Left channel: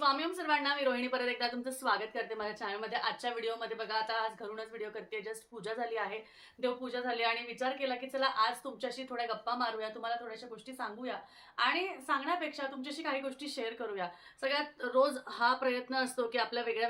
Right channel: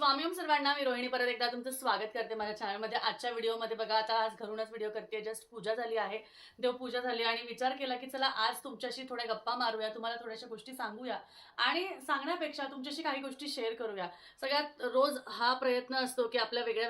स्वामीम सर्वांना, मी रोहिणी परत एकदा तुमचं स्वागत करते माझ्या चॅनलमध्ये। आजच्या व्हिडिओमध्ये बघा, आता आज घरूनच व्हिडिओ करते। जस्ट पूजा झाली आहे, देवपूजा झाली आणि विचार केला की चला आज तुमच्याशी थोड्या गप्पा मारूया, तुम्हाला थोड्याशा गोष्टी सांगूया आणि सांगण्यापेक्षा तुमच्याशी काही गोष्टी शेअर करूया। सगळ्यात रोज हा प्रयत्न असतो की आपल्या वेगळ्या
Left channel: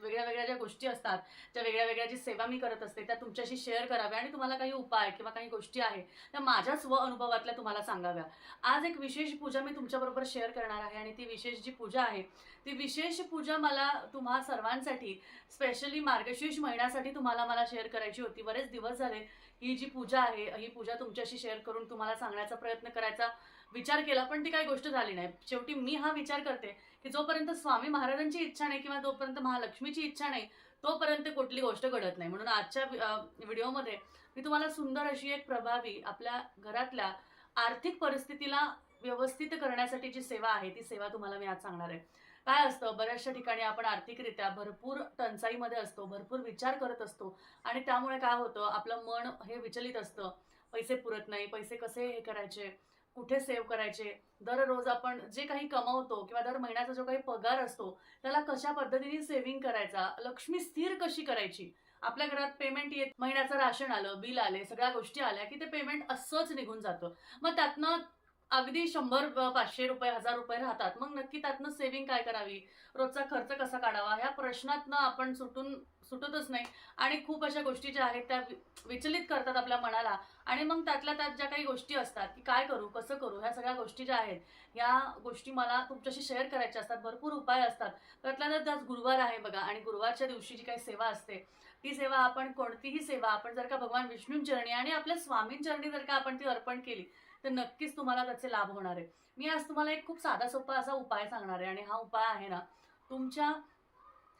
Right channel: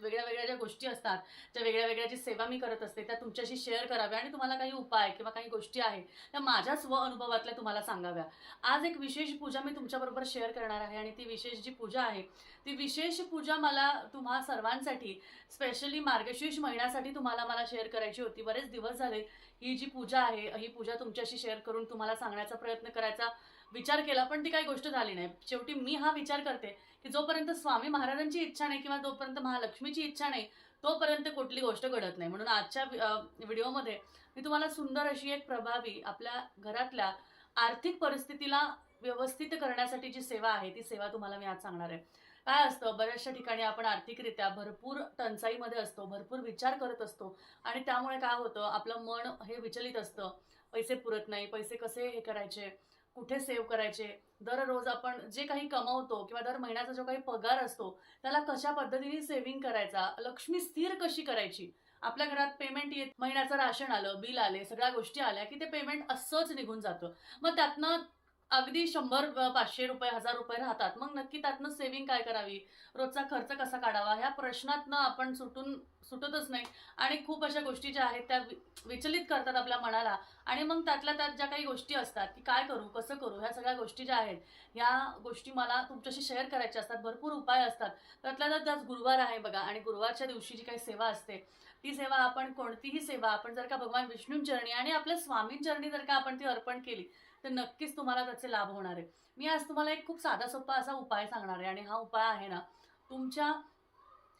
वेगळ्या ज्या गोष्टी असतात, त्या वेगळ्या वेगळ्या जी सेवा मी करत असते त्या तुमच्याशी शेअर कराव्या आणि तुम्हाला काही उपाय किंवा काही गोष्टी आहे त्या माझ्या स्व अनुभवातल्या तुम्हाला सांगाव्या। आज एक विशेष पूजा मी तुमच्याबरोबर शेअर करणार आहे आणि ती विशेष जी पूजा आहे ती विशेष पूजा मला तुम्हा सर्वांसाठी स्पेशली मार्गशीर्ष महिन्यासाठी मला शेअर करायची होती। बरेच दिवस झाले ही जी पूजा आहे ही पूजा तुमच्याशी शेअर करून तुम्हाला सांगण्याचा प्रयत्न करायचा विचार केला, पण ती काही गोष्ट झाली नाही। शेवटी मी हा विचार करते की जोपर्यंत स्वामी महाराजांची इच्छा नाही किंवा जोपर्यंत महालक्ष्मीची इच्छा नाही तोपर्यंत कुठली गोष्ट घडत नाही। म्हणून आजच्या व्हिडिओमध्ये मी तुम्हाला सुंदर अशी एक प्रभावी आपल्या घरातल्या आर्थिक परिस्थितीला व्यवस्थित करण्यासाठी जी सेवा आहे ती सेवा तुम्हाला मी आज सांगणार आहे। काय असतं, बऱ्याचशा ठिकाणी आपण आर्थिकरित्या भरपूर टंचाईमध्ये असतो, भरपूर विचार करत असतो आणि त्यामुळे काय होतं, आपलं मन हे विचलित असतं। पैसे पुरत नाही, पैसे कसे हे करायचे, कुठे सेव्ह करायचे, दररोज आपण जे काही कमवतो किंवा दर महिन्याचा जो काही पगार असतो त्याला कशा पद्धतीने सेव्हिंग करायचा, लक्ष्मी स्थिर कशी करायची। आपल्या घरात पेमेंट येत, महिन्याचं राशन आलं, बिल आले, सगळ्या गोष्टी आल्या की ते पेमेंट असंच निघून जातं। मग त्यातनं अगदी 100 500 रुपये 1000 रुपये राहतात। मग नक्की त्यातनं सेव्हिंग काय करावी, रोजचा खर्च कसा काढावा, ह्या प्रश्नातनं आपण सुटतच नाही आणि खूप अशा गोष्टी ज्या आहेत त्या विचलित करतात आपल्या मनाला आणि मग त्यातल्या त्यात ज्या काही गोष्टी असतात की काय करू, कसं करू, ह्या सगळ्या गोष्टी ज्या आहेत ह्या गोष्टी मला तुमच्याशी शेअर करायच्या असतात। भरपूर उपाय असतात, त्यातल्या त्यात गुरुवार आहे बघा आणि गुरुवारच्या दिवशी जी काही सेवा असते ती सेवा आपण कोणतीही सेवा आपण जर का भगवान विष्णूंचरणी आणि आपल्या स्वामींचरणी जर का आपण ती अर्पण केली तर नक्कीच तुम्हाला त्याचे लाभ होणार आहे। मी आज तुम्हाला एक खूप साधा सोपा असा उपाय सांगणार आहे आणि हा उपाय आहे ना, तुमच्या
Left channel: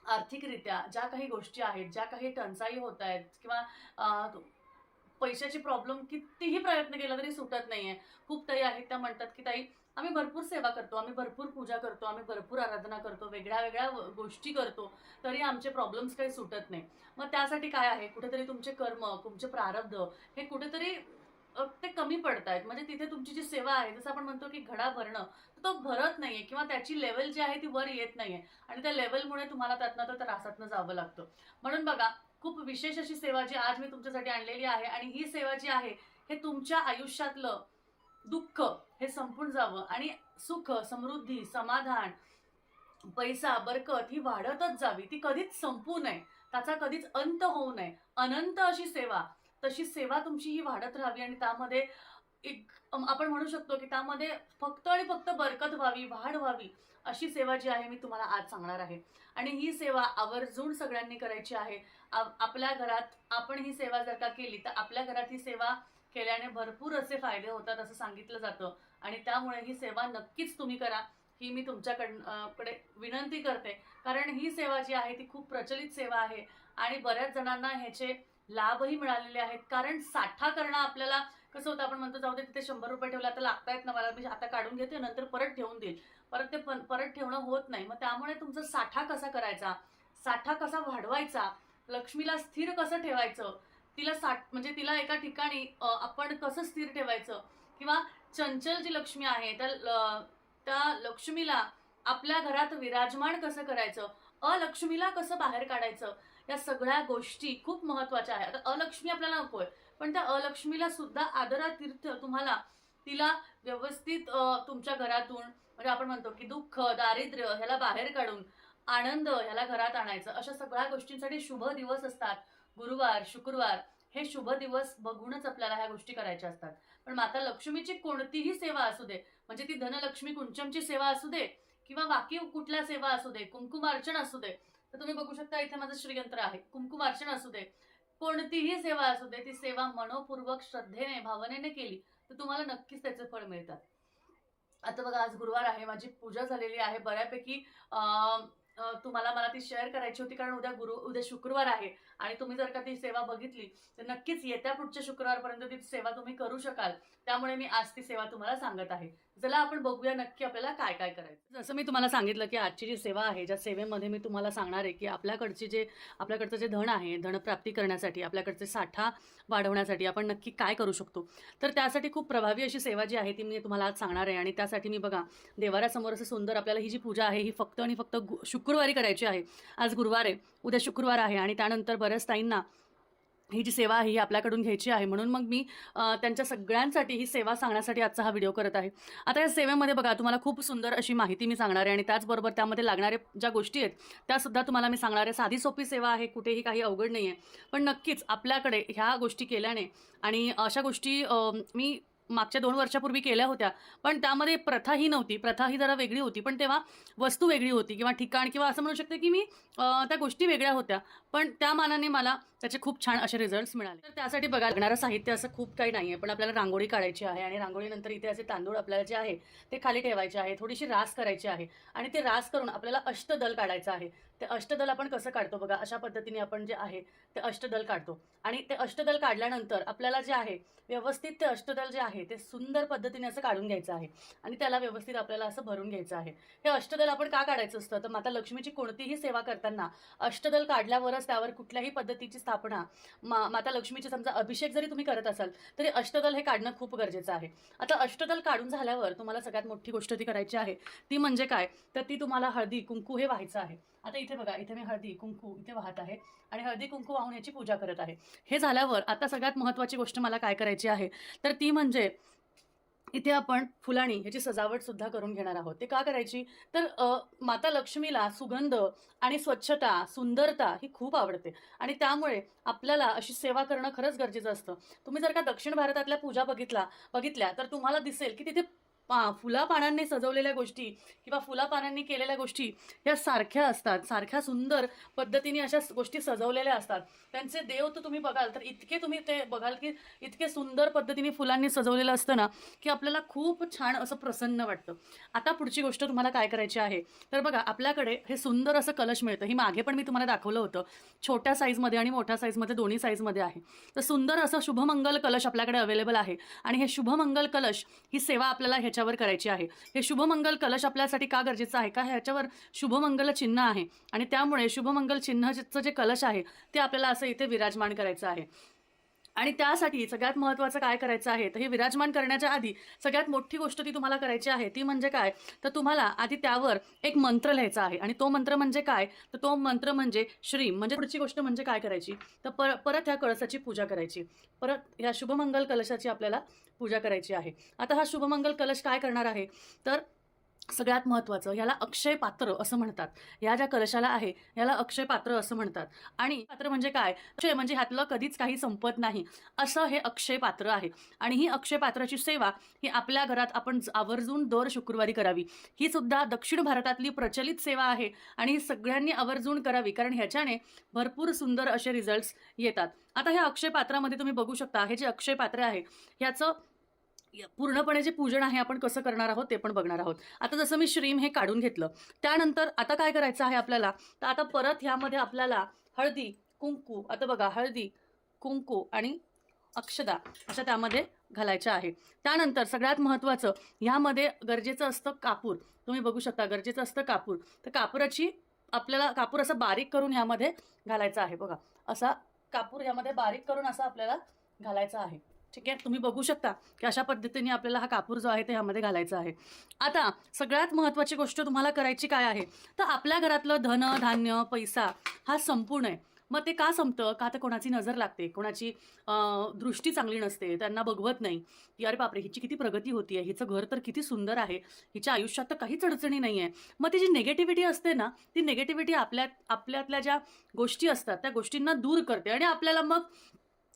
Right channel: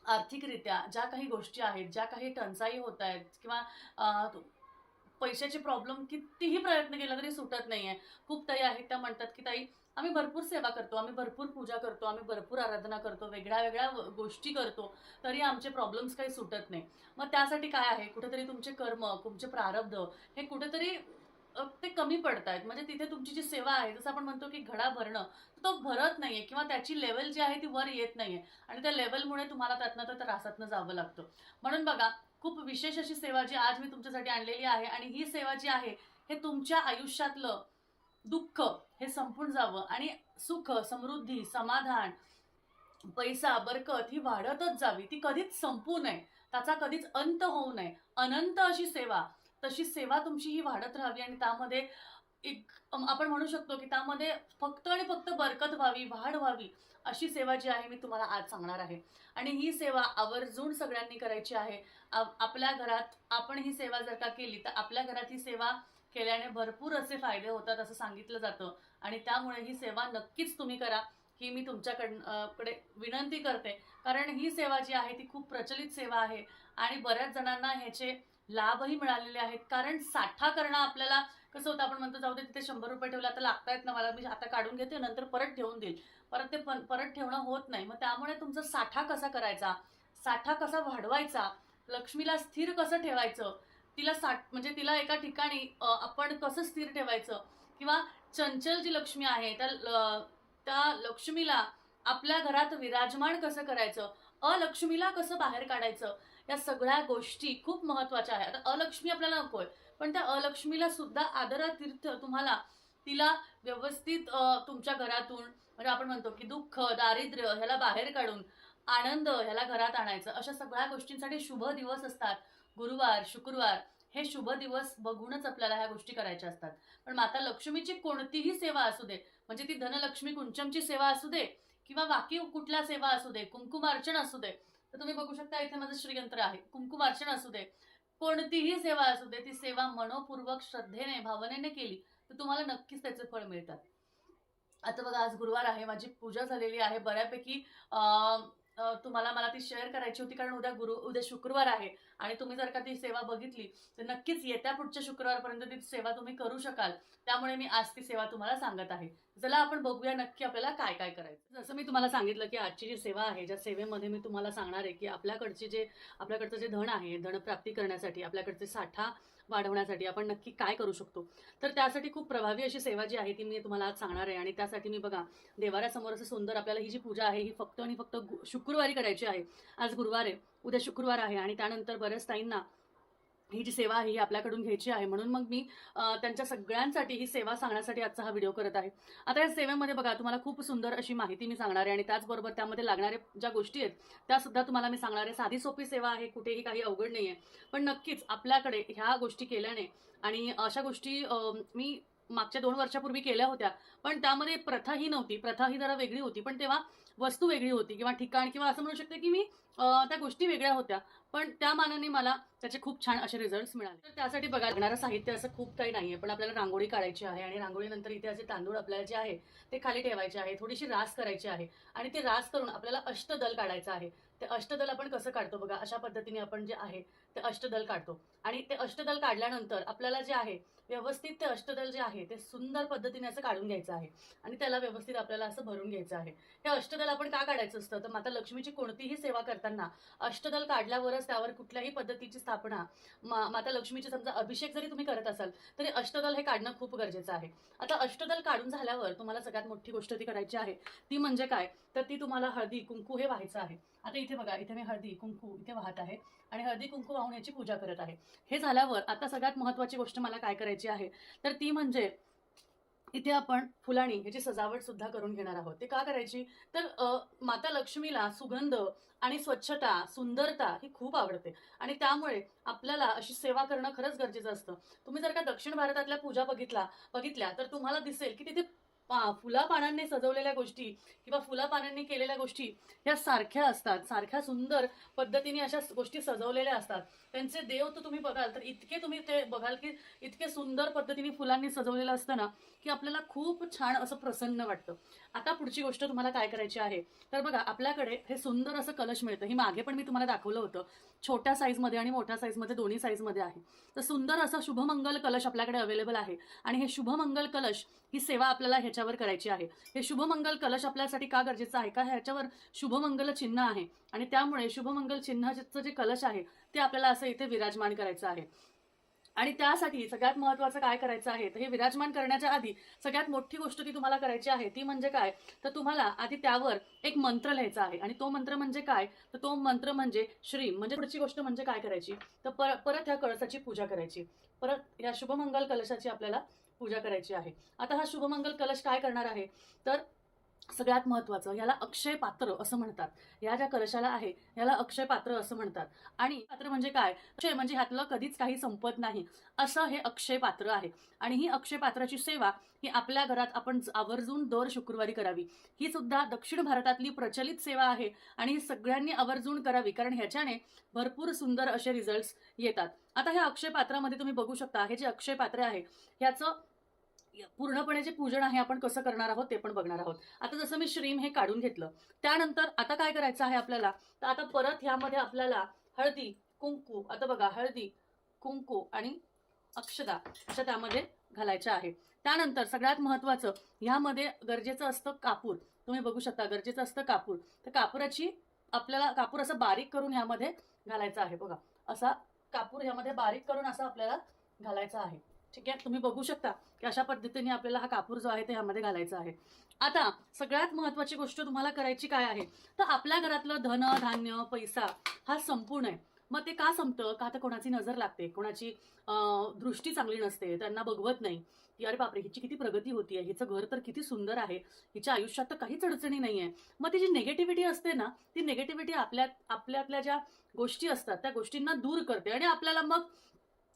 आर्थिकरित्या ज्या काही गोष्टी आहेत, ज्या काही टंचाई होत आहेत किंवा पैशाची प्रॉब्लेम कितीही प्रयत्न केला तरी सुटत नाहीये। खूप ताई आहेत त्या म्हणतात की ताई आम्ही भरपूर सेवा करतो, आम्ही भरपूर पूजा करतो, आम्ही भरपूर आराधना करतो, वेगळ्या वेगळ्या गोष्टी करतो, तरी आमचे प्रॉब्लेम्स काही सुटत नाही। मग त्यासाठी काय आहे, कुठेतरी तुमचे कर्म, तुमचे प्रारब्ध हे कुठेतरी ते कमी पडतायत। म्हणजे तिथे तुमची जी सेवा आहे, जसं आपण म्हणतो की घडा भरणं, तो भरत नाहीये किंवा त्याची लेवल जी आहे ती वर येत नाहीये आणि त्या लेवलमुळे तुम्हाला त्यातनं तर त्रासातनं जावं लागतं। म्हणून बघा, खूप विशेष अशी सेवा जी आज मी तुमच्यासाठी आणलेली आहे आणि ही सेवा जी आहे हे तुमच्या आयुष्यातलं दुःख हे संपून जावं आणि सुख, समृद्धी, समाधान, पैसा, बरकत ही वाढतच जावी, ती कधीच संपू नये, त्याचा कधीच अंत होऊ नये, अनंत अशी सेवा, तशी सेवा तुमची ही वाढत राहावी आणि त्यामध्ये एक आपण म्हणू शकतो की त्यामध्ये फक्त आणि फक्त बरकत व्हावी, वाढ व्हावी, अशी सेवा जी आहे मी तुम्हाला आज सांगणार आहे। आणि ही सेवा आवर्जून सगळ्यांनी करायची आहे। आपल्या घरात आपण ही सेवा जर का केली तर आपल्या घरात ही सेवा केल्याने भरपूर असे फायदे होतात असं सांगितलं जातं आणि त्यामुळे ही सेवा नक्कीच तुम्ही करा ही मी तुमच्याकडे विनंती करते। कारण ही सेवा जी आहे ती खूप प्रचलित सेवा आहे आणि बऱ्याच जणांना ह्याचे लाभही मिळालेले आहेत। कारण साठा करणं आपल्याला कसं होतं, आपण म्हणतो जाऊ दे तिथे 100 रुपये ठेवले, आता लागतायत ना मला, मी आता काढून घेते नंतर परत ठेवून देईल, परत ते परत ठेवणं होत नाही। मग त्यामुळे तुमचा साठा कसा करायचा, साठा कसा वाढवायचा, लक्ष्मीला स्थिर कसं ठेवायचं, तिला म्हणजे तिला एका ठिकाणी आपण कसं स्थिर ठेवायचं किंवा चंचल जी लक्ष्मी आहे त्या लक्ष्मीला आपल्या घरात विराजमान कसं करायचं, अलक्ष्मीला कसं बाहेर काढायचं, या सगळ्या गोष्टी खूप महत्त्वाच्या आहेत। आता अलक्ष्मी आपल्याला नकोय, पण त्या अलक्ष्मीला सुद्धा आदरातीर्थ तुम्हाला तिला व्यवस्थित तुमच्या घरातून, म्हणजे आपण म्हणतो की दुःख, दारिद्र्य ह्याला बाहेर काढून आनंद ह्याला घरात आणायचं, अशा सगळ्या गोष्टींसाठी शुभ दिवस असतात गुरुवार, शुक्रवार, हे शुभ दिवस बघूनच आपल्याला ह्या गोष्टी करायच्या असतात। पण माता लक्ष्मीची कोणतीही सेवा असू दे, म्हणजे ती धनलक्ष्मी कुंचमची सेवा असू दे किंवा बाकी कुठल्या सेवा असू दे, कुंकुमार्चन असू दे, तर तुम्ही बघू शकता इथे माझं श्रीयंत्र आहे, कुंकुमार्चन असू दे, कोणतीही सेवा असू दे, ती सेवा मनोपूर्वक श्रद्धेने भावनेने केली तर तुम्हाला नक्कीच त्याचे फळ मिळतात। आता बघा, आज गुरुवार आहे, माझी पूजा झालेली आहे बऱ्यापैकी। तुम्हाला मला ती शेअर करायची होती कारण उद्या शुक्रवार आहे आणि तुम्ही जर का ती सेवा बघितली तर नक्कीच येत्या पुढच्या शुक्रवारपर्यंत ती सेवा तुम्ही करू शकाल, त्यामुळे मी आज ती सेवा तुम्हाला सांगत आहे। चला आपण बघूया नक्की आपल्याला काय काय करायचं. जसं मी तुम्हाला सांगितलं की आजची जी सेवा आहे, ज्या सेवेमध्ये मी तुम्हाला सांगणार आहे की आपल्याकडचं जे धन आहे, धनप्राप्ती करण्यासाठी, आपल्याकडचे साठा वाढवण्यासाठी आपण नक्की काय करू शकतो. तर त्यासाठी खूप प्रभावी अशी सेवा जी आहे ती मी तुम्हाला आज सांगणार आहे. आणि त्यासाठी मी बघा, देवाऱ्यासमोर असं सुंदर आपल्याला ही जी पूजा आहे ही फक्त आणि फक्त शुक्रवारी करायची आहे. आज गुरुवार आहे, उद्या शुक्रवार आहे आणि त्यानंतर बऱ्याच ताईंना ही जी सेवा आहे ही आपल्याकडून घ्यायची आहे. म्हणून मग मी त्यांच्या सगळ्यांसाठी ही सेवा सांगण्यासाठी आजचा हा व्हिडिओ करत आहे. आता या सेवेमध्ये बघा, तुम्हाला खूप सुंदर अशी माहिती मी सांगणार आहे आणि त्याचबरोबर त्यामध्ये लागणारे ज्या गोष्टी आहेत त्यासुद्धा तुम्हाला मी सांगणार आहे. साधी सोपी सेवा आहे, कुठेही काही अवघड नाही आहे. पण नक्कीच आपल्याकडे ह्या गोष्टी केल्याने आणि अशा गोष्टी मी मागच्या 2 वर्षापूर्वी केल्या होत्या, पण त्यामध्ये प्रथा ही नव्हती. प्रथा ही जरा वेगळी होती, पण तेव्हा वस्तू वेगळी होती किंवा ठिकाण किंवा असं म्हणू शकते की मी त्या गोष्टी वेगळ्या होत्या, पण त्या मानाने मला त्याचे खूप छान असे रिझल्ट्स मिळाले. तर त्यासाठी बघा, लागणारं साहित्य असं खूप काही नाही आहे, पण आपल्याला रांगोळी काढायची आहे आणि रांगोळीनंतर इथे असे तांदूळ आपल्याला जे आहे ते खाली ठेवायचे आहे. थोडीशी रास करायची आहे आणि ते रास करून आपल्याला अष्टदल काढायचं आहे. ते अष्टदल आपण कसं काढतो बघा, अशा पद्धतीने आपण जे आहे ते अष्टदल काढतो आणि ते अष्टदल काढल्यानंतर आपल्याला जे आहे व्यवस्थित ते अष्टदल जे आहे ते सुंदर पद्धतीने असं काढून घ्यायचं आहे आणि त्याला व्यवस्थित आपल्याला असं भरून घ्यायचं आहे. हे अष्टदल आपण का काढायचं असतं, तर माता लक्ष्मीची कोणतीही सेवा करताना अष्टदल काढल्यावरच त्यावर कुठल्याही पद्धतीची स्थापना, माता लक्ष्मीची समजा अभिषेक जरी तुम्ही करत असाल तरी अष्टदल हे काढणं खूप गरजेचं आहे. आता अष्टदल काढून झाल्यावर तुम्हाला सगळ्यात मोठी गोष्ट ती करायची आहे. ती म्हणजे काय, तर ती तुम्हाला हळदी कुंकू हे व्हायचं आहे. आता इथे बघा, इथे मी हळदी कुंकू इथे वाहत आहे आणि हळदी कुंकू वाहून याची पूजा करत आहे. हे झाल्यावर आता सगळ्यात महत्त्वाची गोष्ट मला काय करायची आहे, तर ती म्हणजे इथे आपण फुलांनी ह्याची सजावट सुद्धा करून घेणार आहोत. ते का करायची, तर माता लक्ष्मीला सुगंध आणि स्वच्छता, सुंदरता ही खूप आवडते आणि त्यामुळे आपल्याला अशी सेवा करणं खरंच गरजेचं असतं. तुम्ही जर का दक्षिण भारतातल्या पूजा बघितल्या तर तुम्हाला दिसेल की तिथे फुलापानांनी सजवलेल्या गोष्टी किंवा फुलापानांनी केलेल्या गोष्टी ह्या सारख्या असतात. सारख्या सुंदर पद्धतीने अशा गोष्टी सजवलेल्या असतात. त्यांचे देव तर तुम्ही बघाल तर इतके तुम्ही ते बघाल की इतके सुंदर पद्धतीने फुलांनी सजवलेलं असतं ना, की आपल्याला खूप छान असं प्रसन्न वाटतं. आता पुढची गोष्ट तुम्हाला काय करायची आहे, तर बघा, आपल्याकडे हे सुंदर असं कलश मिळतं. ही मागे पण मी तुम्हाला दाखवलं होतं. छोट्या साईजमध्ये आणि मोठ्या साईजमध्ये दोन्ही साईजमध्ये आहे. तर सुंदर असं शुभमंगल कलश आपल्याकडे अवेलेबल आहे आणि हे शुभमंगल कलश ही सेवा आपल्याला ह्याच्यावर करायची आहे. हे शुभमंगल कलश आपल्यासाठी का गरजेचं आहे, का ह्याच्यावर शुभमंगल चिन्ह आहे आणि त्यामुळे शुभमंगल चिन्हाचं जे कलश आहे ते आपल्याला असं इथे विराजमान करायचं आहे. आणि त्यासाठी सगळ्यात महत्त्वाचं काय करायचं आहे, तर हे विराजमान करण्याच्या आधी सगळ्यात मोठी गोष्ट ती तुम्हाला करायची आहे ती म्हणजे काय, तर तुम्हाला आधी त्यावर एक मंत्र लिहायचा आहे. आणि तो मंत्र म्हणजे काय, तर तो मंत्र म्हणजे श्रीम. म्हणजे पुढची गोष्ट म्हणजे काय करायची, तर परत ह्या कळसाची पूजा करायची. परत ह्या शुभमंगल कलशाची आपल्याला पूजा करायची आहे. आता हा शुभमंगल कलश काय करणार आहे, तर सगळ्यात महत्त्वाचं, याला अक्षय पात्र असं म्हणतात. या ज्या कलशाला आहे याला अक्षय पात्र असं म्हणतात. आणि पात्र म्हणजे काय, अक्षय म्हणजे ह्यातलं कधीच काही संपत नाही असं हे अक्षय पात्र आहे. आणि ही अक्षय पात्राची सेवा ही आपल्या घरात आपण आवर्जून दर शुक्रवारी करावी. ही सुद्धा दक्षिण भारतातली प्रचलित सेवा आहे आणि ही सगळ्यांनी आवर्जून करावी, कारण ह्याच्याने भरपूर सुंदर असे रिझल्ट्स येतात. आता ह्या अक्षय पात्रामध्ये तुम्ही बघू शकता, हे जे अक्षय पात्र आहे ह्याचं पूर्णपणे जे पूजन आहे आपण कसं करणार आहोत ते पण बघणार आहोत. आता जसं मी श्रीम हे काढून घेतलं, त्यानंतर आता काय करायचं आहे आपल्याला, तर आता परत ह्यामध्ये आपल्याला हळदी कुंकू, आता बघा, हळदी कुंकू आणि अक्षदा अशा त्यामध्ये घालायच्या आहे. त्यानंतर सगळ्यात महत्त्वाचं, ह्यामध्ये गरजेचं असतं कापूर. तुम्ही बघू शकता, गरजेचं असतं कापूर. तर आपल्याला कापूर असा बारीक करून ह्यामध्ये घालायचा आहे. बघा, असा कापूर ह्यामध्ये बारीक करून असा आपल्याला घालायचा आहे. ठीक आहे, तुम्ही बघू शकता की अशा पद्धतीने आपल्याला हा कापूर जो आहे ते ह्यामध्ये घालायचा आहे. आता सगळ्यात महत्त्वाची गोष्ट तुम्हाला करायची काय आहे, तर आपल्या घरातलं धन धान्य पैसा हा संपूर्ण आहे. मग ते का संपतं, का तर कोणाची नजर लागते, कोणाची दृष्टी चांगली नसते, त्यांना बघवत नाही की अरे बापरे, हिची किती प्रगती होतीये, हिचं घर तर किती सुंदर आहे, हिच्या आयुष्यात तर काहीच अडचणी नाही आहे. मग ती जी निगेटिव्हिटी असते ना, ती निगेटिव्हिटी आपल्यातल्या ज्या गोष्टी असतात त्या गोष्टींना दूर करते आणि आपल्याला मग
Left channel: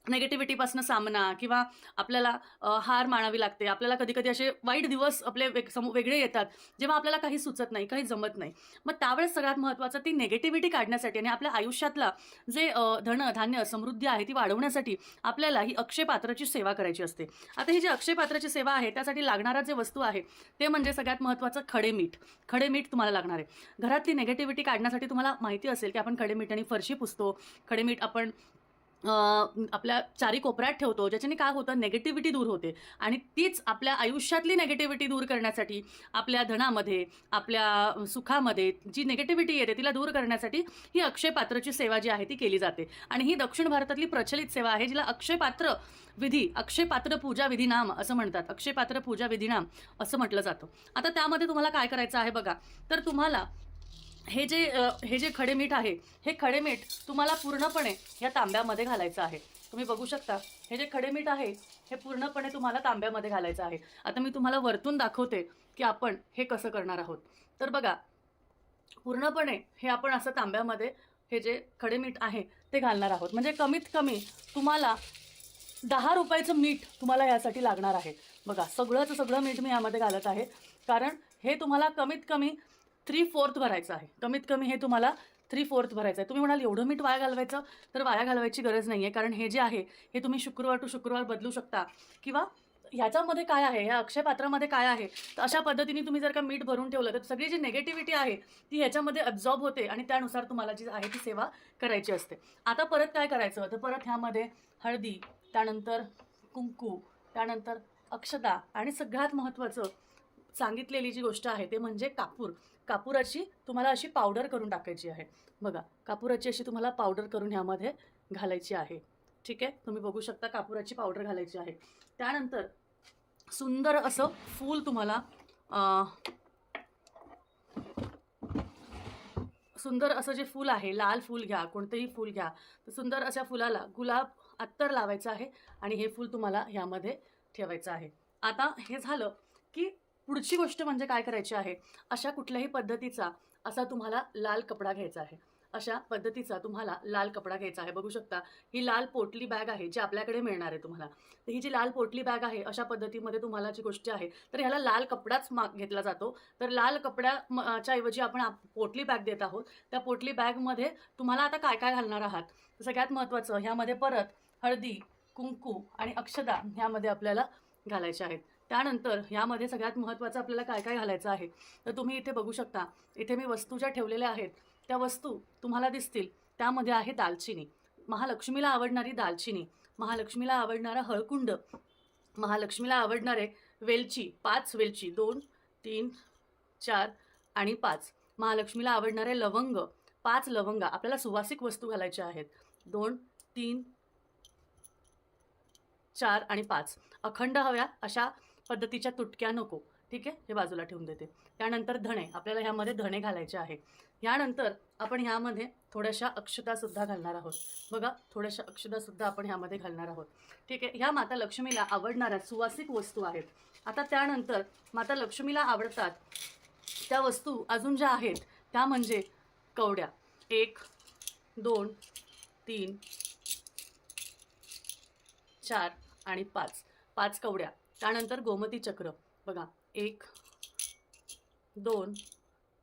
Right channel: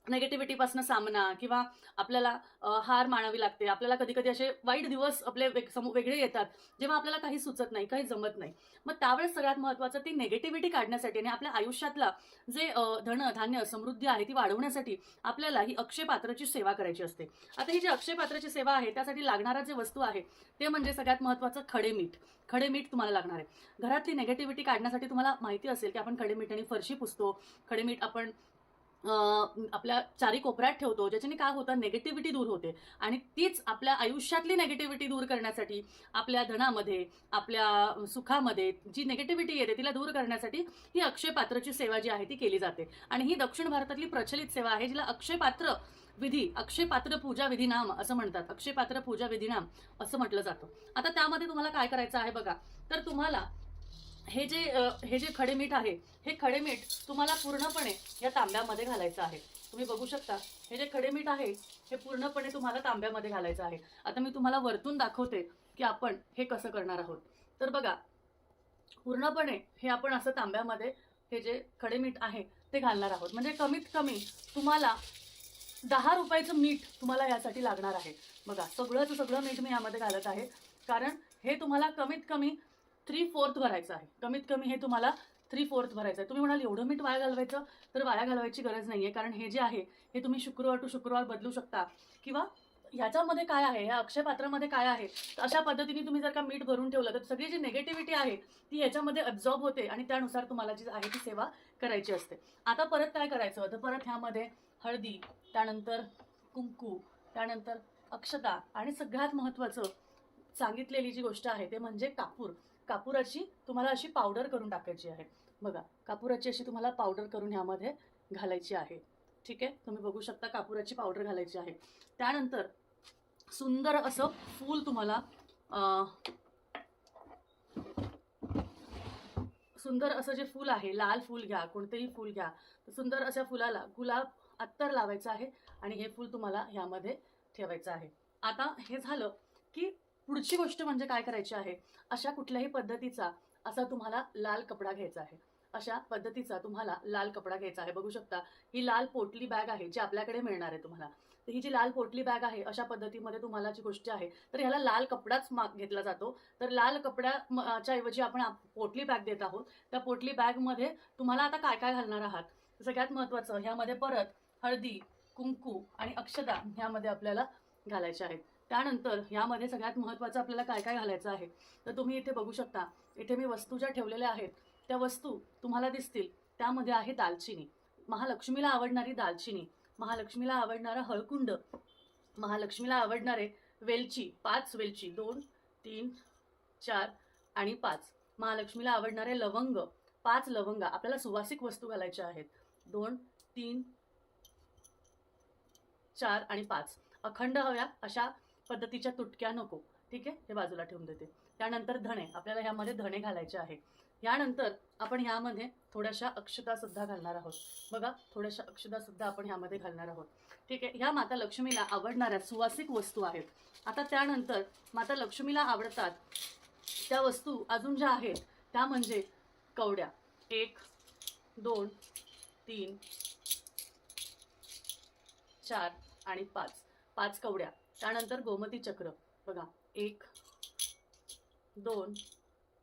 नेगेटिव्हिटीपासून सामना किंवा आपल्याला हार मानावी लागते. आपल्याला कधी कधी असे वाईट दिवस आपले वेगळे येतात, जेव्हा आपल्याला काही सुचत नाही, काही जमत नाही. मग त्यावेळेस सगळ्यात महत्त्वाचं, ती नेगेटिव्हिटी काढण्यासाठी आणि आपल्या आयुष्यातला जे धन धान्य समृद्धी आहे ती वाढवण्यासाठी आपल्याला ही अक्षय पात्राची सेवा करायची असते. आता ही जी अक्षय पात्राची सेवा आहे त्यासाठी लागणारा जे वस्तू आहे ते म्हणजे सगळ्यात महत्त्वाचं खडेमीठ. खडेमीठ तुम्हाला लागणार आहे. घरातली नेगेटिव्हिटी काढण्यासाठी तुम्हाला माहिती असेल की आपण खडेमीठ आणि फरशी पुसतो. खडेमीठ आपण आपल्या चारी कोपऱ्यात ठेवतो, ज्याच्याने काय होतं नेगेटिव्हिटी दूर होते आणि तीच आपल्या आयुष्यातली नेगेटिव्हिटी दूर करण्यासाठी, आपल्या धनामध्ये, आपल्या सुखामध्ये जी नेगेटिव्हिटी येते तिला दूर करण्यासाठी ही अक्षय पात्रची सेवा जी आहे ती केली जाते. आणि ही दक्षिण भारतातली प्रचलित सेवा आहे, जिला अक्षय पात्र विधी, अक्षय पात्र पूजा विधी नाम असं म्हणतात. अक्षय पात्र पूजा विधी नाम असं म्हटलं जातं. आता त्यामध्ये तुम्हाला काय करायचं आहे बघा, तर तुम्हाला हे जे खडे मीठ आहे, हे खडे मीठ तुम्हाला पूर्णपणे या तांब्यामध्ये घालायचं आहे. तुम्ही बघू शकता, हे जे खडे मीठ आहे हे पूर्णपणे तुम्हाला तांब्यामध्ये घालायचं आहे. आता मी तुम्हाला वरतून दाखवते की आपण हे कसं करणार आहोत. तर बघा, पूर्णपणे हे आपण असं तांब्यामध्ये हे जे खडे मीठ आहे ते घालणार आहोत. म्हणजे कमीत कमी तुम्हाला 10 रुपयाचं मीठ तुम्हाला यासाठी लागणार आहे. बघा, सगळं मीठ मी यामध्ये घालत आहे, कारण हे तुम्हाला कमीत कमी 3/4 भरायचं आहे. कमीत कमी हे तुम्हाला 3/4 भरायचं आहे. तुम्ही म्हणाल एवढं मीठ वाया घालवायचं, तर वाया घालवायची गरज नाही आहे, कारण हे जे आहे हे तुम्ही शुक्रवार टू शुक्रवार बदलू शकता. किंवा ह्याच्यामध्ये काय आहे, या अक्षय पात्रामध्ये काय आहे, तर अशा पद्धतीने तुम्ही जर का मीठ भरून ठेवलं तर सगळी जी नेगेटिव्हिटी आहे ती ह्याच्यामध्ये अब्झॉर्ब होते आणि त्यानुसार तुम्हाला जी आहे ती सेवा करायची असते. आता परत काय करायचं, तर परत ह्यामध्ये हळदी, त्यानंतर कुंकू, त्यानंतर अक्षता आणि सगळ्यात महत्त्वाचं सांगितलेली जी गोष्ट आहे ते म्हणजे कापूर. कापुराची तुम्हाला अशी पावडर करून टाकायची आहे. बघा, कापुराची अशी तुम्हाला पावडर करून ह्यामध्ये घालायची आहे. ठीक आहे, तुम्ही बघू शकता कापुराची पावडर घालायची आहे. त्यानंतर सुंदर असं फूल तुम्हाला सुंदर असं जे फूल आहे, लाल फूल घ्या, कोणतेही फूल घ्या, तर सुंदर अशा फुलाला गुलाब अत्तर लावायचं आहे आणि हे फूल तुम्हाला ह्यामध्ये ठेवायचं आहे. आता हे झालं की पुढची गोष्ट म्हणजे काय करायची आहे, अशा कुठल्याही पद्धतीचा असा तुम्हाला लाल कपडा घ्यायचा आहे. अशा पद्धतीचा तुम्हाला लाल कपडा घ्यायचा आहे. बघू शकता, ही लाल पोटली बॅग आहे जी आपल्याकडे मिळणार आहे तुम्हाला. तर ही जी लाल पोटली बॅग आहे, अशा पद्धतीमध्ये तुम्हाला जी गोष्ट आहे, तर ह्याला लाल कपडाच घेतला जातो. तर लाल कपड्याच्या ऐवजी आपण पोटली बॅग देत आहोत. त्या पोटली बॅगमध्ये तुम्हाला आता काय काय घालणार आहात, सगळ्यात महत्त्वाचं ह्यामध्ये परत हळदी, कुंकू आणि अक्षता ह्यामध्ये आपल्याला घालायचे आहेत. त्यानंतर ह्यामध्ये सगळ्यात महत्त्वाचं आपल्याला काय काय घालायचं आहे, तर तुम्ही इथे बघू शकता, इथे मी वस्तू ज्या ठेवलेल्या आहेत त्या वस्तू तुम्हाला दिसतील. त्यामध्ये आहे दालचिनी, महालक्ष्मीला आवडणारी दालचिनी, महालक्ष्मीला आवडणारा हळकुंड, महालक्ष्मीला आवडणारे वेलची, 5 वेलची, 2, 3, 4 आणि 5. महालक्ष्मीला आवडणारे लवंग, 5 लवंग. आपल्याला सुवासिक वस्तू घालायच्या आहेत, 2, 3, 4 आणि 5. अखंड हव्या अशा पद्धतीच्या तुटक्या नको. ठीक आहे, हे बाजूला ठेवून देते. त्यानंतर धणे, आपल्याला ह्यामध्ये धणे घालायचे आहे. यानंतर आपण ह्यामध्ये थोड्याशा अक्षतासुद्धा घालणार आहोत. बघा, थोड्याशा अक्षतासुद्धा आपण ह्यामध्ये घालणार आहोत. ठीक आहे, ह्या माता लक्ष्मीला आवडणाऱ्या सुवासिक वस्तू आहेत. आता त्यानंतर माता लक्ष्मीला आवडतात त्या वस्तू अजून ज्या आहेत त्या म्हणजे कवड्या. 1, 2, 3, 4 आणि 5. 5 कवड्या. त्यानंतर गोमती चक्र. बघा, 1, 2,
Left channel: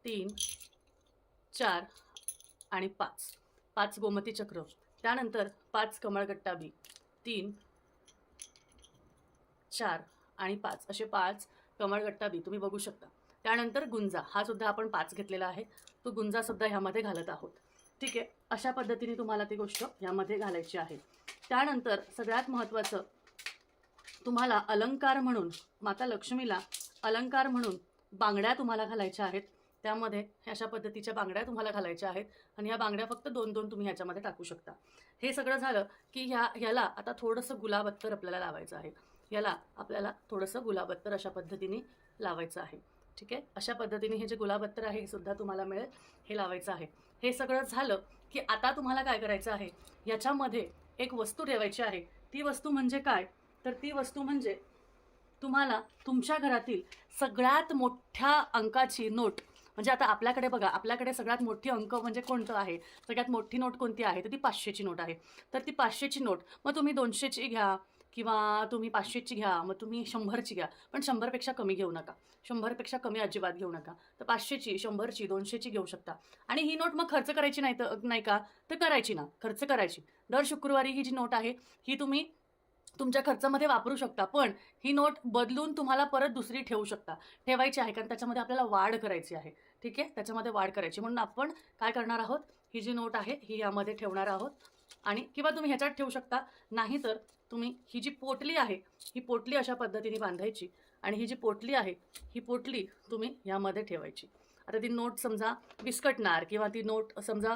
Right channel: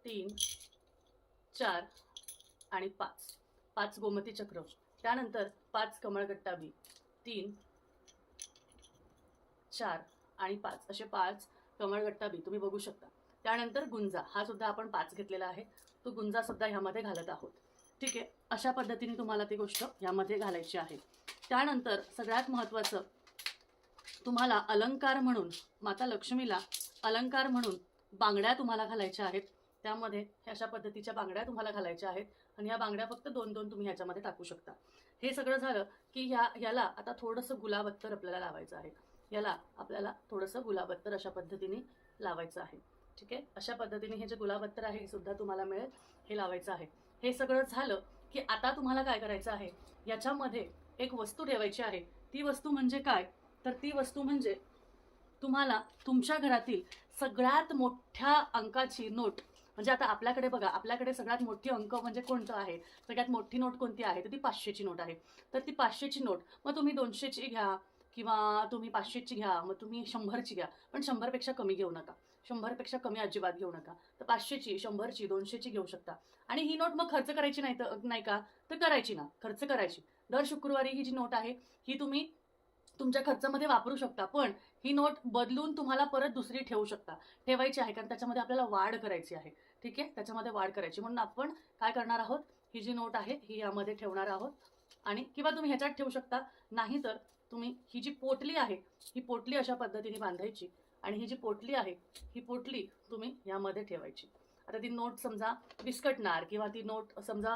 3, 4 आणि 5. 5 गोमती चक्र. त्यानंतर 5 कमळगट्टाबी. 3, 4 आणि 5 असे 5 कमळगट्टाबी तुम्ही बघू शकता. त्यानंतर गुंजा, हा सुद्धा आपण 5 घेतलेला आहे, तो गुंजा सुद्धा ह्यामध्ये घालत आहोत. ठीक आहे, अशा पद्धतीने तुम्हाला ती गोष्ट ह्यामध्ये घालायची आहे. त्यानंतर सगळ्यात महत्त्वाचं, तुम्हाला अलंकार म्हणून, माता लक्ष्मीला अलंकार म्हणून बांगड्या तुम्हाला घालायच्या आहेत. त्यामध्ये अशा पद्धतीच्या बांगड्या तुम्हाला घालायच्या आहेत आणि ह्या बांगड्या फक्त 2-2 तुम्ही ह्याच्यामध्ये टाकू शकता. हे सगळं झालं की ह्याला आता थोडंसं गुलाब अत्तर आपल्याला लावायचं आहे. याला आपल्याला थोडंसं गुलाब अत्तर अशा पद्धतीने लावायचं आहे. ठीक आहे, अशा पद्धतीने हे जे गुलाब अत्तर आहे हे सुद्धा तुम्हाला मिळेल, हे लावायचं आहे. हे सगळं झालं की आता तुम्हाला काय करायचं आहे, याच्यामध्ये एक वस्तू ठेवायची आहे. ती वस्तू म्हणजे काय, तर ती वस्तू म्हणजे तुम्हाला तुमच्या घरातील सगळ्यात मोठ्या अंकाची नोट, म्हणजे आता आपल्याकडे बघा, आपल्याकडे सगळ्यात मोठी अंक म्हणजे कोणतं आहे, सगळ्यात मोठी नोट कोणती आहे, तर ती 500ची नोट आहे. तर ती 500ची नोट, मग तुम्ही 200ची घ्या किंवा तुम्ही 500ची घ्या, मग तुम्ही 100ची घ्या, पण 100पेक्षा कमी घेऊ नका, 100पेक्षा कमी अजिबात घेऊ नका. तर 500ची, 100ची, 200ची घेऊ शकता. आणि ही नोट मग खर्च करायची नाही का, तर करायची ना, खर्च करायची. दर शुक्रवारी ही जी नोट आहे ही तुम्ही तुमच्या खर्चामध्ये वापरू शकता, पण ही नोट बदलून तुम्हाला परत दुसरी ठेवू शकता, ठेवायची आहे, कारण त्याच्यामध्ये आपल्याला वाढ करायची आहे. ठीक आहे, त्याच्यामध्ये वाढ करायची, म्हणून आपण काय करणार आहोत, ही जी नोट आहे ही यामध्ये ठेवणार आहोत. आणि किंवा तुम्ही ह्याच्यात ठेवू शकता, नाहीतर तुम्ही ही जी पोटली आहे ही पोटली अशा पद्धतीने बांधायची आणि ही जी पोटली आहे ही पोटली तुम्ही यामध्ये ठेवायची. आता ती नोट समजा विस्कटणार किंवा ती नोट समजा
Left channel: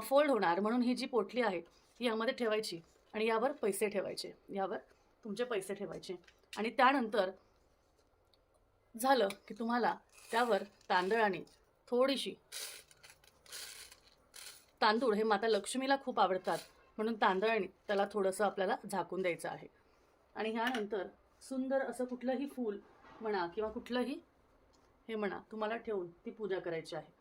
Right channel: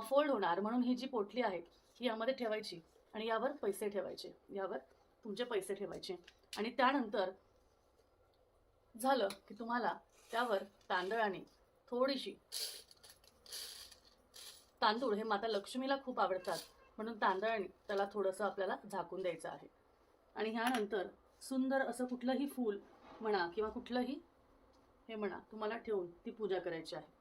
फोल्ड होणार, म्हणून ही जी पोटली आहे ही यामध्ये ठेवायची आणि यावर पैसे ठेवायचे, यावर तुमचे पैसे ठेवायचे. आणि त्यानंतर झालं की तुम्हाला त्यावर तांदळाने थोडीशी, तांदूळ हे माता लक्ष्मीला खूप आवडतात म्हणून तांदळाने त्याला थोडंसं आपल्याला झाकून द्यायचं आहे. आणि ह्यानंतर सुंदर असं कुठलंही फूल म्हणा किंवा कुठलंही हे म्हणा तुम्हाला ठेवून ती पूजा करायची आहे.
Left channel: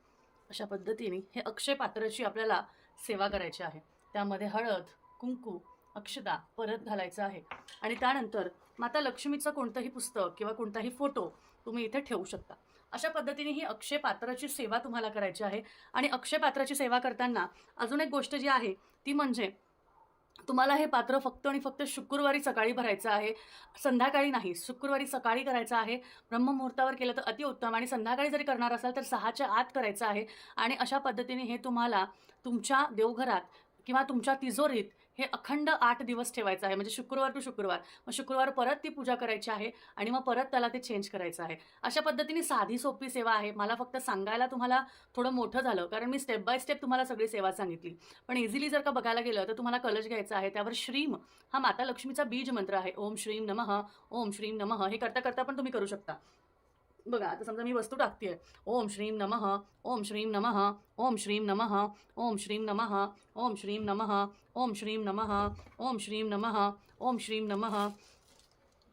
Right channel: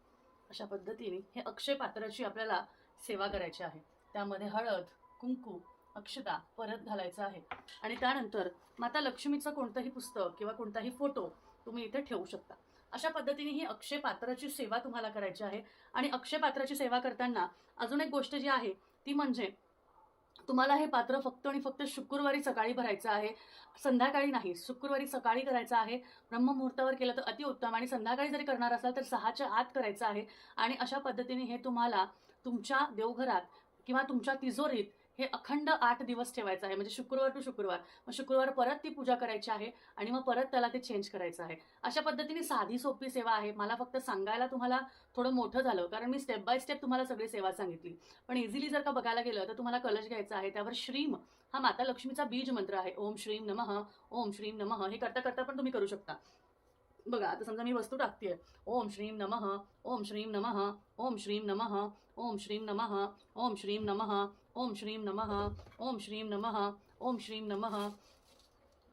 अशा पद्धतीने हे अक्षय पात्राची आपल्याला सेवा करायची आहे. त्यामध्ये हळद, कुंकू, अक्षता परत घालायचं आहे. आणि त्यानंतर माता लक्ष्मीचं कोणतंही पुस्तक किंवा कोणताही फोटो तुम्ही इथे ठेवू शकता. अशा पद्धतीने ही अक्षय पात्राची सेवा तुम्हाला करायची आहे. आणि अक्षय पात्राची सेवा करताना अजून एक गोष्ट जी आहे ती म्हणजे तुम्हाला हे पात्र फक्त आणि फक्त शुक्रवारी सकाळी भरायचं आहे, संध्याकाळी नाही. शुक्रवारी सकाळी करायचं आहे, ब्रह्ममुहूर्तावर केलं तर अतिउत्तम, आणि संध्याकाळी जरी करणार असाल तर 6च्या आत करायचं आहे. आणि अशा पद्धतीने हे तुम्हाला तुमच्या देवघरात किंवा तुमच्या तिजोरीत हे अखंड 8 दिवस ठेवायचं आहे, म्हणजे शुक्रवार टू शुक्रवार. मग शुक्रवार परत ती पूजा करायची आहे आणि मग परत त्याला ते चेंज करायचं आहे. अशा पद्धतीने साधी सोपी सेवा आहे. मला फक्त सांगायला तुम्हाला थोडं मोठं झालं, कारण मी स्टेप बाय स्टेप तुम्हाला सगळी सेवा सांगितली. पण इझिली जर का बघायला गेलं तर तुम्हाला कलश घ्यायचा आहे, त्यावर श्रीम हा माता लक्ष्मीचा बीज मंत्र आहे. ओम श्रीम नमः, ओम श्रीम नमः. हे करता करता पण तुम्ही करू शकता. बघा, आता समजा मी वस्तू टाकतेय, ओम श्रीम नमः, ओम श्रीम नमः, ओम श्रीम नमः, ओम श्रीम नमः, ओम श्रीम नमः, ओम श्रीम नमः, ओम श्रीम नमः, ओम श्रीम नमः,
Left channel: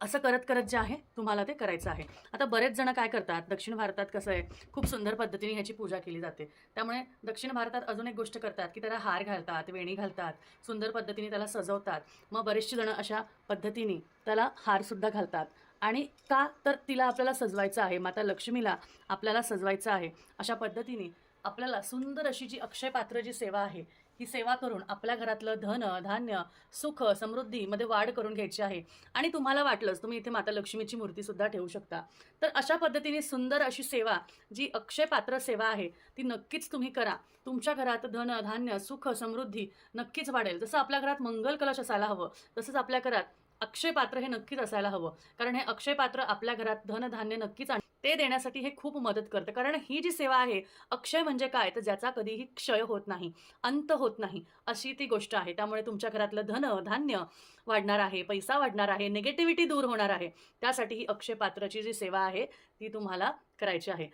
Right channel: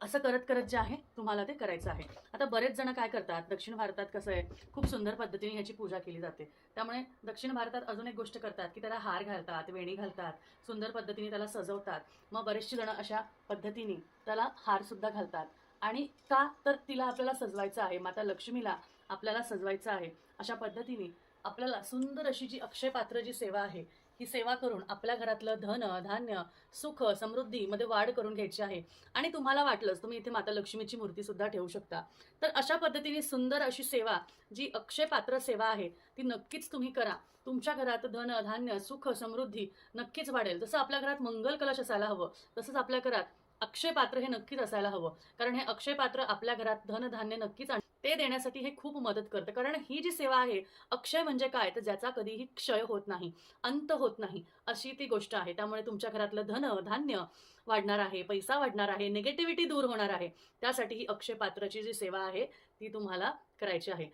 असं करत करत जे आहे तुम्हाला ते करायचं आहे. आता बरेच जण काय करतात, दक्षिण भारतात कसं आहे, खूप सुंदर पद्धतीने ह्याची पूजा केली जाते. त्यामुळे दक्षिण भारतात अजून एक गोष्ट करतात की त्याला हार घालतात, वेणी घालतात, सुंदर पद्धतीने त्याला सजवतात. मग बरेचसे जण अशा पद्धतीने त्याला हारसुद्धा घालतात. आणि का तर तिला आपल्याला सजवायचं आहे, माता लक्ष्मीला आपल्याला सजवायचं आहे. अशा पद्धतीने आपल्याला सुंदर अशी जी अक्षय पात्र जी सेवा आहे ही सेवा करून आपल्या घरातलं धन, धान्य, सुख, समृद्धीमध्ये वाढ करून घ्यायची आहे. आणि तुम्हाला वाटलंच तुम्ही इथे माता लक्ष्मीची मूर्ती सुद्धा ठेवू शकता. तर अशा पद्धतीने सुंदर अशी सेवा जी अक्षय पात्र सेवा आहे ती नक्कीच तुम्ही करा. तुमच्या घरात धन, धान्य, सुख, समृद्धी नक्कीच वाढेल. जसं आपल्या घरात मंगल कलश असायला हवं तसंच आपल्या घरात अक्षय पात्र हे नक्कीच असायला हवं. कारण हे अक्षय पात्र आपल्या घरात धन, धान्य नक्कीच ते देण्यासाठी हे खूप मदत करतं. कारण ही जी सेवा आहे, अक्षय म्हणजे काय तर ज्याचा कधीही क्षय होत नाही, अंत होत नाही, अशी ती गोष्ट आहे. त्यामुळे तुमच्या घरातलं धन, धान्य वाढणार आहे, पैसा वाढणार आहे, निगेटिव्हिटी दूर होणार आहे. त्यासाठी ही अक्षय पात्राची जी सेवा आहे ती तुम्हाला करायची आहे.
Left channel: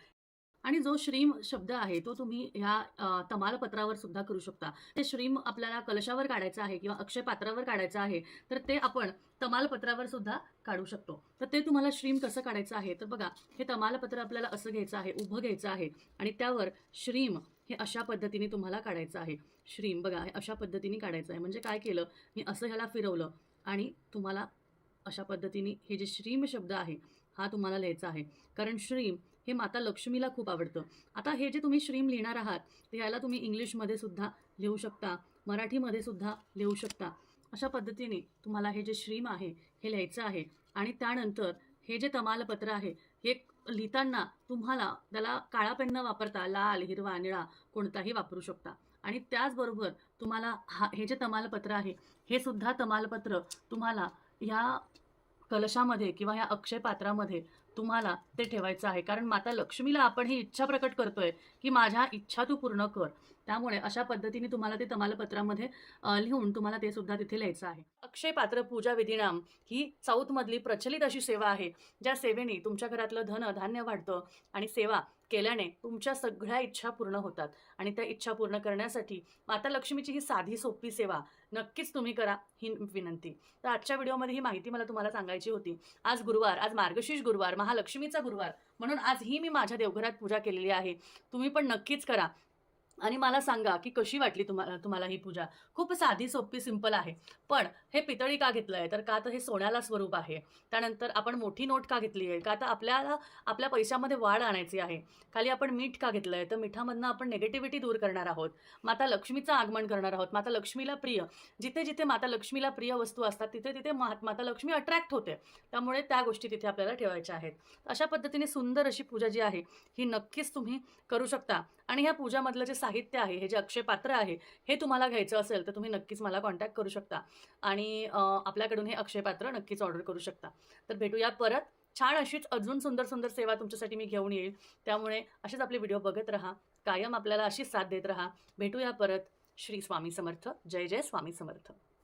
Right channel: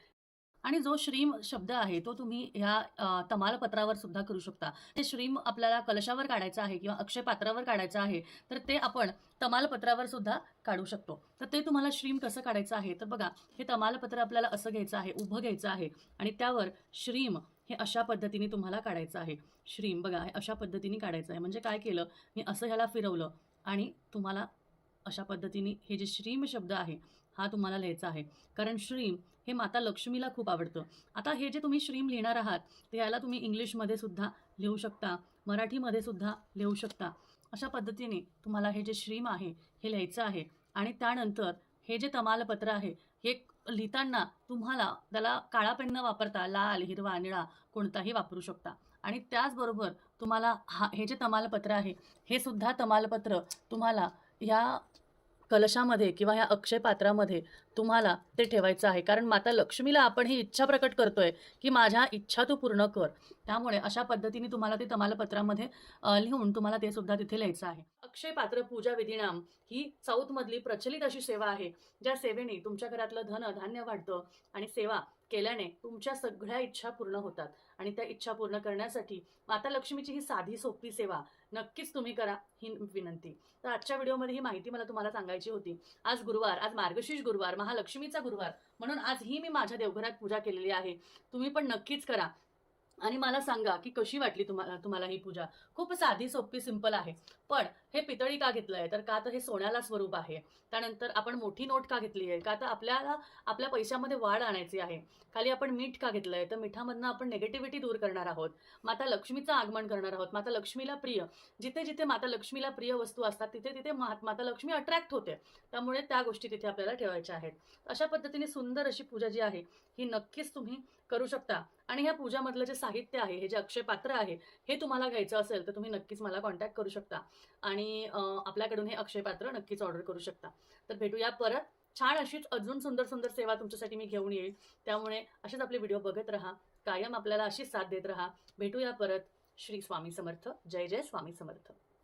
आणि जो श्रीम शब्द आहे तो तुम्ही ह्या तमालपत्रावर सुद्धा करू शकता. ते श्रीम आपल्याला कलशावर काढायचं आहे किंवा अक्षय पात्रावर काढायचं आहे तर ते आपण तमालपत्रावर सुद्धा काढू शकतो. तर ते तुम्हाला श्रीम कसं काढायचं आहे तर बघा, हे तमालपत्र आपल्याला असं घ्यायचं आहे, उभं घ्यायचं आहे आणि त्यावर श्रीम हे अशा पद्धतीने तुम्हाला काढायचं आहे. श्रीम बघा, हे अशा पद्धतीने काढायचं आहे. म्हणजे काय केलं, मी असं ह्याला फिरवलं आणि तुम्हाला अशा पद्धतीने हे जे श्रीम शब्द आहे हा तुम्हाला लिहायचा आहे. कारण श्रीम हे माता लक्ष्मीला खूप आवडतं. आता हे जे तुम्ही श्रीम लिहिणार आहात ते याला तुम्ही इंग्लिशमध्ये सुद्धा लिहू शकता, मराठीमध्ये सुद्धा लिहू शकता. अशा पद्धतीने तुम्हाला हे जे श्रीम आहे हे लिहायचं आहे. आणि त्यानंतर हे जे तमालपत्र आहे हे लिहिताना तुम्हाला त्याला काळा पेन न वापरता लाल, हिरवा, निळा कोणताही वापरू शकता. आणि त्याचबरोबर तुम्हाला हे जे तमालपत्र आहे हे सुद्धा तमालपत्र तुम्हाला ह्या कलशामध्ये किंवा ह्या अक्षय पात्रामध्ये तुम्हाला ते ठेवायचं आहे. कारण माता लक्ष्मीला आपण ही इच्छा प्रकट करतोय की माझ्या इच्छा तू पूर्ण कर. त्यामुळे अशा पद्धतीने तुम्हाला ते तमालपत्रामध्ये लिहून तुम्हाला ते सुद्धा तिथे लिहायचं आहे. अक्षय पात्र पूजा विधिनाम ही साऊथमधली प्रचलित अशी सेवा आहे, ज्या सेवेने तुमच्या घरातलं धन, धान्य वाढतं आणि सेवा केल्याने तुमच्या सगळ्या इच्छा पूर्ण होतात. आणि त्या इच्छा पूर्ण करण्यासाठी माता लक्ष्मीची ही साधी सोपी सेवा नक्कीच तुम्ही करा, ही विनंती. तर आजच्या व्हिडिओमध्ये ही माहिती मला तुम्हाला सांगायची होती. आज गुरुवार, आज मार्गशीर्ष गुरुवार, महालक्ष्मीचा गुरुवार, म्हणून आज ही मी माझ्या देवघरात पूजा केलेली आहे. तुम्ही पण नक्कीच करा आणि मला सांगा की कशी वाटली तुम्हाला ही पूजा. खूप साधी सोपी सिंपल आहे. पण हे पितळी का घेतलं आहे तर का तर हे सोन्याला स्वरूप आहे. त्यानंतर आपण मोठी नोट का घेतली आहे का तर आपल्याला आपल्या पैशामध्ये वाढ आणायची आहे. खाली आपण मीठ का घेतलं आहे तर मिठामधनं आपण निगेटिव्हिटी दूर करणार आहोत, माता लक्ष्मीचं आगमन करणार आहोत. माता लक्ष्मीला प्रिय, जिथे जिथे माता लक्ष्मीला प्रिय वस्तू असतात तिथे तिथे माता लक्ष्मी अट्रॅक्ट होते. त्यामुळे त्या गोष्टी तिथे आपल्याला ठेवायच्या आहेत. अशा पद्धतीने सुंदर अशी पूजा जी आहे ही नक्कीच तुम्ही करू शकता. आणि ह्या पूजामधलं जे साहित्य आहे, हे जे अक्षय पात्र आहे, हे तुम्हाला घ्यायचं असेल तर तुम्ही नक्कीच मला कॉन्टॅक्ट करू शकता आणि आपल्याकडून हे अक्षय पात्र नक्कीच ऑर्डर करू शकता. तर भेटूया परत. छान अशीच अजून सुंदर सुंदर सेवा तुमच्यासाठी मी घेऊन येईल. त्यामुळे असेच आपले व्हिडिओ बघत राहा. कायम आपल्याला अशीच साथ देत राहा. भेटूया परत. श्री स्वामी समर्थ. जय जय स्वामी समर्थ.